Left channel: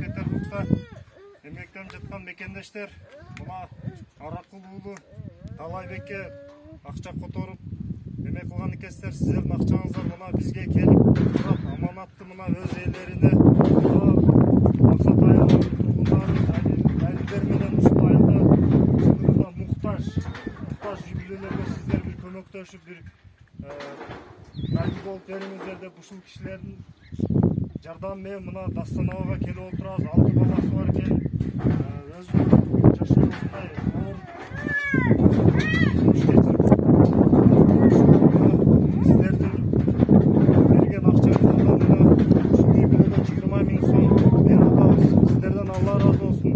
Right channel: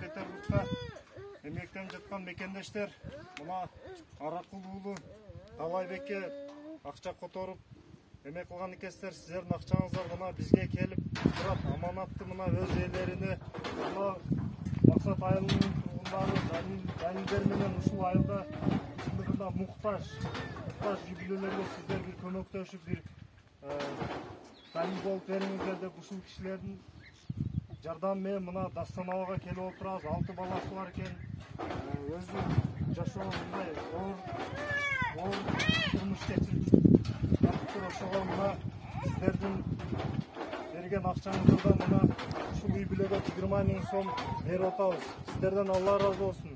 Санкт-Петербургда эмгектенип жаткан мекендештер мына Аракул уулу Талайбекке акча которуп эме кылган экенсиздер. Сиздердин акчаңыздар мына бизге келип турат, аманатты мына өз ээлерине максат айылынын тургундары далилдер менен ушул айылда муктаж жүгүлөлөргө сиздер бир көмөктөшүп бир далил болуп бериңиздер деп ушул кишилердин жардамы менен мына Дастанабага келип отурабыз. 6 баласы бар экен. Өзүнүн жашоосундай сиздердин берген акчаңыздардан мына ушул бирөөгө 20 000 сом берип атабыз. Сиздерден Алла ыраазы болсун.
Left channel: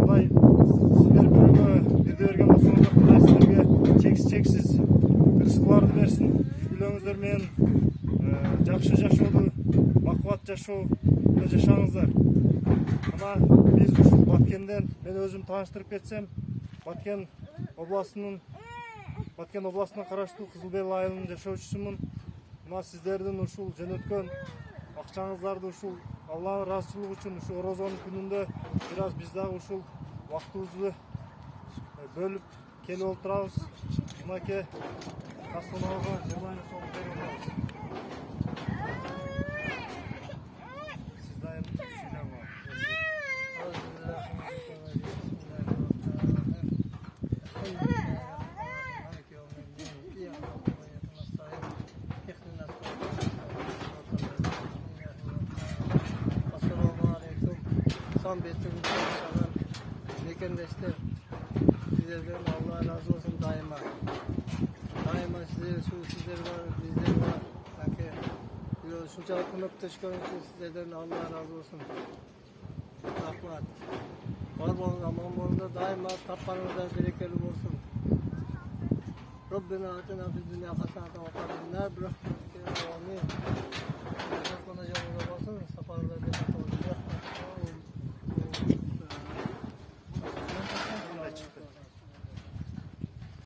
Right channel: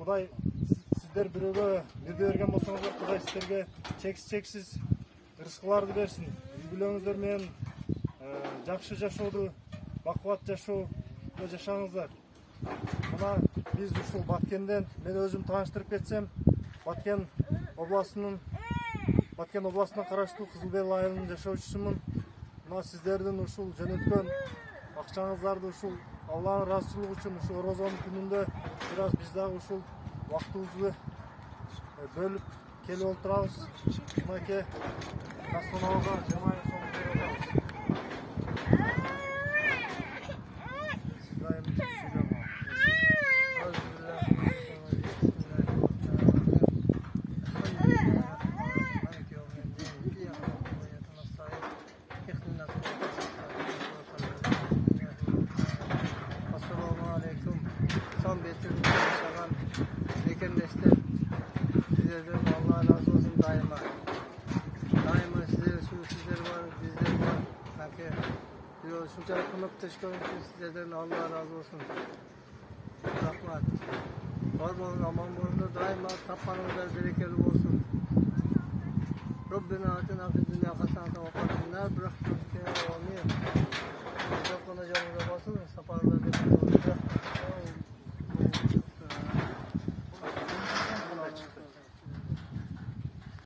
Кудай сиздер бирөөгө бирде берген болсоңуздар, Кудай сиздерге чексиз рызыкларды берсин. Үйлөрүңүздөр менен жакшы жашоодо, бакубат жашоодо жашаңыздар. Мына биз ушул Баткенден, мен өзүм тааныштырып кетсем, Баткен областына караштуу Кызылбел айылынын жашоочусумун. Мына сиздердин ушул жөнөткөн акчаңыздарды ушул Алланын ыраазычылыгы үчүн ушул Орозонун күнүндө бир аз биз дагы ушул убактыбызды бөлүп келип отурабыз. Мынакей Дастанабага 20 000 сом берип атабыз. Son betimizde yaşanan mekendeşler, sizlerden Allah razı olsun daima. Daima sizler var, bizler var. Sanki şunca kömekteşken için sizlerden Allah razı olsun. Rahmat. Var olun, aman olun da daima tapmanızlar berekeli olsun. Rabbina atina fid dunya haseneten ve qina nar birahmetike amin. Rabbana cevabı basın, safarlar berekeli olsun.